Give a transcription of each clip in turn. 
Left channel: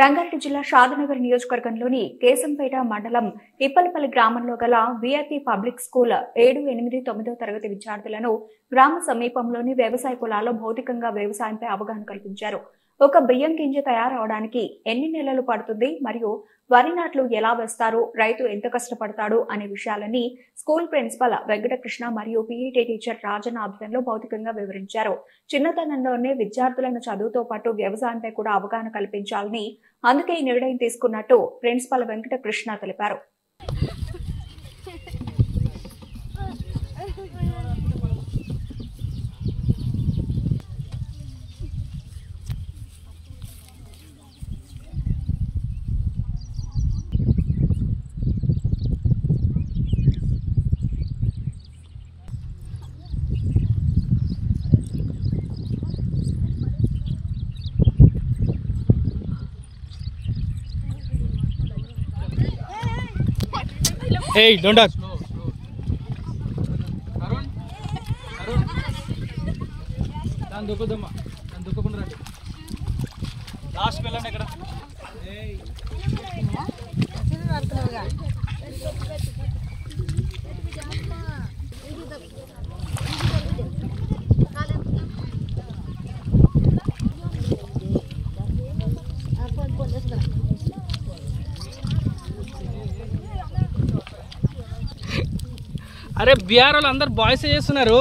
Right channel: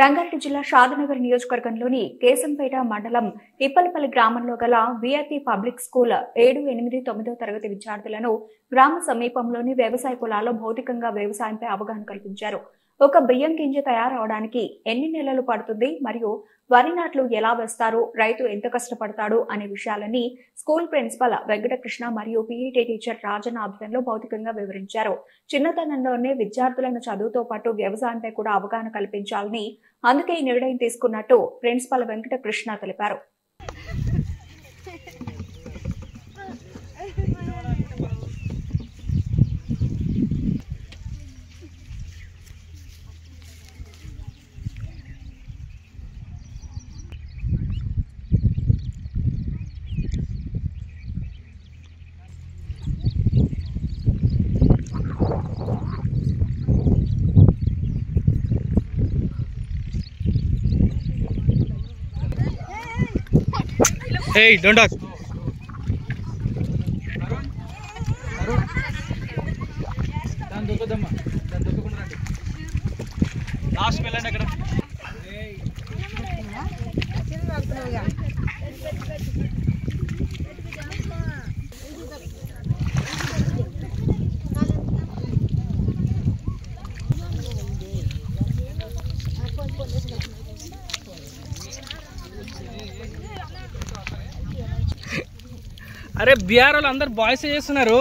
రంగారెడ్డి జిల్లా షాద్నగర్ నియోజకవర్గంలోని కేశంపేట మండలం ఇప్పలపల్లి గ్రామంలో గల విఐపి పబ్లిక్ స్కూల్ 7, 8, 9వ తరగతి విద్యార్థులను గ్రామ సమీపంలోని వ్యవసాయ పొలాల్లో భౌతికంగా వ్యవసాయంపై అవగాహన కల్పించారు. ఒక బియ్యం గింజ తయారవడానికి ఎన్ని నెలలు పడుతుంది మరియు వరి నాట్లు ఎలా వేస్తారు, రైతు ఎంత కష్టపడతాడు అనే విషయాలని స్కూల్ ప్రిన్సిపల్ వెంకటకృష్ణ మరియు పీఈటీ టీచర్ రాజన్న ఆధ్వర్యంలో భౌతికంగా వివరించారు. చిన్నతనంలోనే విద్యార్థులను చదువుతో పాటు వ్యవసాయంపై కూడా అవగాహన కల్పించాలని, అందుకే ఈ నిర్ణయం తీసుకున్నట్టు ప్రిన్సిపల్ వెంకటకృష్ణ తెలిపారు. Hey, don't touch. Last వెళ్ళండి అక్కడ. అరే బిఆర్ వాళ్ళు అందరు బాయ్స్ చేస్తున్నారు.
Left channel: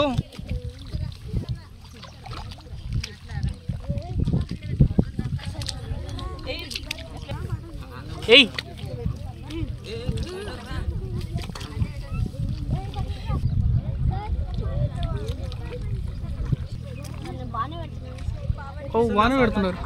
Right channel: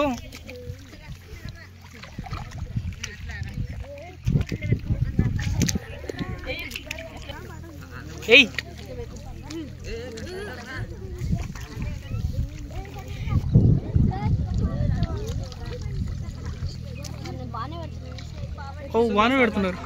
ఏయ్ ఓ వాన పెడుతున్నారు.